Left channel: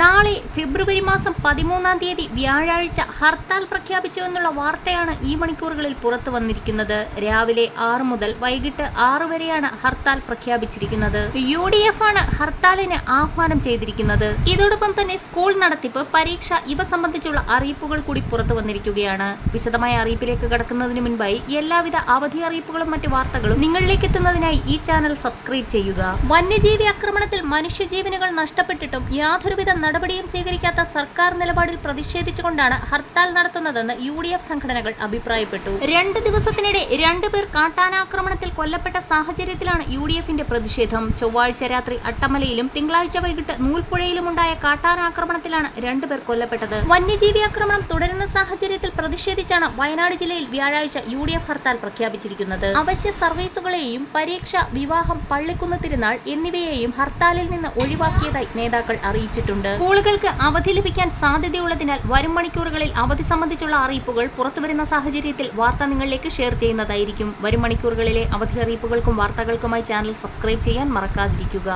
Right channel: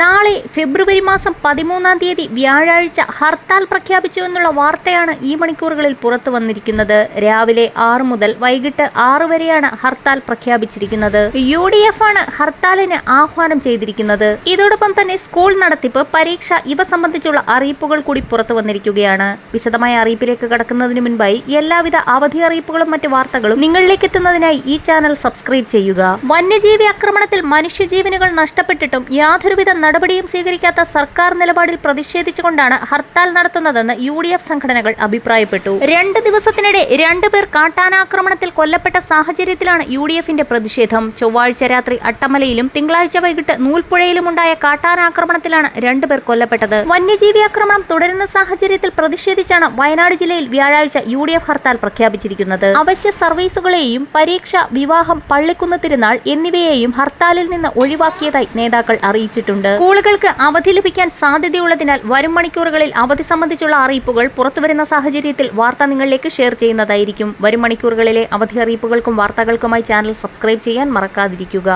നാളെ ഫെബ്രുവരി മാസം 13-ാം തീയതി വ്യാഴാഴ്ച ഹർത്താൽ പ്രഖ്യാപിച്ചു എന്നുള്ള വാർത്തയാണ് ഈ മണിക്കൂറുകളിൽ പുറത്തു വന്നിരിക്കുന്നത്. രാവിലെ 6 മുതൽ വൈകിട്ട് 6 വരെയാണ് ഹർത്താൽ പ്രഖ്യാപിച്ചിരിക്കുന്നത്. UDF ആണ് ഹർത്താലിന് ആഹ്വാനം ചെയ്തിരിക്കുന്നത്. ഇതോടൊപ്പം തന്നെ സ്കൂൾ നടത്തിപ്പ്, പരീക്ഷ ഇവ സംബന്ധിച്ചുള്ള അറിയിപ്പുകൾ കൂടി പുറത്തു വന്നിരിക്കുകയാണ്. വിശദമായ അറിയിപ്പിലേക്ക് കടക്കുന്നതിന് മുൻപായി എല്ലാവിധ അവധി അറിയിപ്പുകളും മറ്റ് വാർത്തകളും നിങ്ങളിലേക്ക് എത്തുന്നതിനായി ഈ ചാനൽ സബ്സ്ക്രൈബ് ചെയ്യുക. വന്യജീവി ആക്രമണത്തിൽ മനുഷ്യജീവനുകൾ നഷ്ടപ്പെട്ടിട്ടും യാതൊരുവിധ നടപടിയും സ്വീകരിക്കാത്ത സർക്കാർ നിലപാടിൽ പ്രതിഷേധിച്ചുകൊണ്ടാണ് ഹർത്താൽ നടത്തുന്നതെന്ന് UDF സംഘടനകൾ അഭിപ്രായപ്പെട്ടു. 2 ദിവസത്തിനിടെ 2 പേർ കാട്ടാനാക്രമണത്തിൽ കൊല്ലപ്പെട്ട സാഹചര്യത്തിലാണ് UDFന്റെ പ്രതിഷേധം. ചൊവ്വാഴ്ച രാത്രി അട്ടമലയിലും തിങ്കളാഴ്ച വൈകിട്ട് നൂൽപ്പുഴയിലുമുണ്ടായ കാട്ടാനാക്രമണത്തിലാണ് 2 പേർ കൊല്ലപ്പെട്ടത്. വന്യജീവി ആക്രമണം തുടരുന്ന സാഹചര്യത്തിൽ പ്രതിഷേധിച്ചാണ് വയനാട് ജില്ലയിൽ വ്യാഴാഴ്ച UDF ഹർത്താൽ പ്രഖ്യാപിച്ചിരിക്കുന്നത്. അവശ്യ സർവീസുകളെയും പരീക്ഷ, വിവാഹം, പള്ളിക്കുന്ന് തിരുനാൾ എന്നിവയെയും ഹർത്താലിൽ നിന്ന് ഒഴിവാക്കിയതായി നേതാക്കൾ അറിയിച്ചിട്ടുണ്ട്. സ്കൂളുകൾക്ക് അവധി ലഭിക്കാൻ സാധ്യതയുള്ളതിനാൽ വരും മണിക്കൂറുകളിൽ അവധി സംബന്ധിച്ചുള്ള അറിയിപ്പുകൾ പുറത്തുവരുന്ന സാഹചര്യത്തിൽ വാർത്ത നിങ്ങളിലേക്ക് ഷെയർ ചെയ്യുന്നതായിരിക്കും. വരും മണിക്കൂറുകളിലെ അവധി അറിയിപ്പുകൾക്കും വാർത്തകൾക്കുമായി ചാനൽ സബ്സ്ക്രൈബ് ചെയ്യാൻ മറക്കാതിരിക്കുക.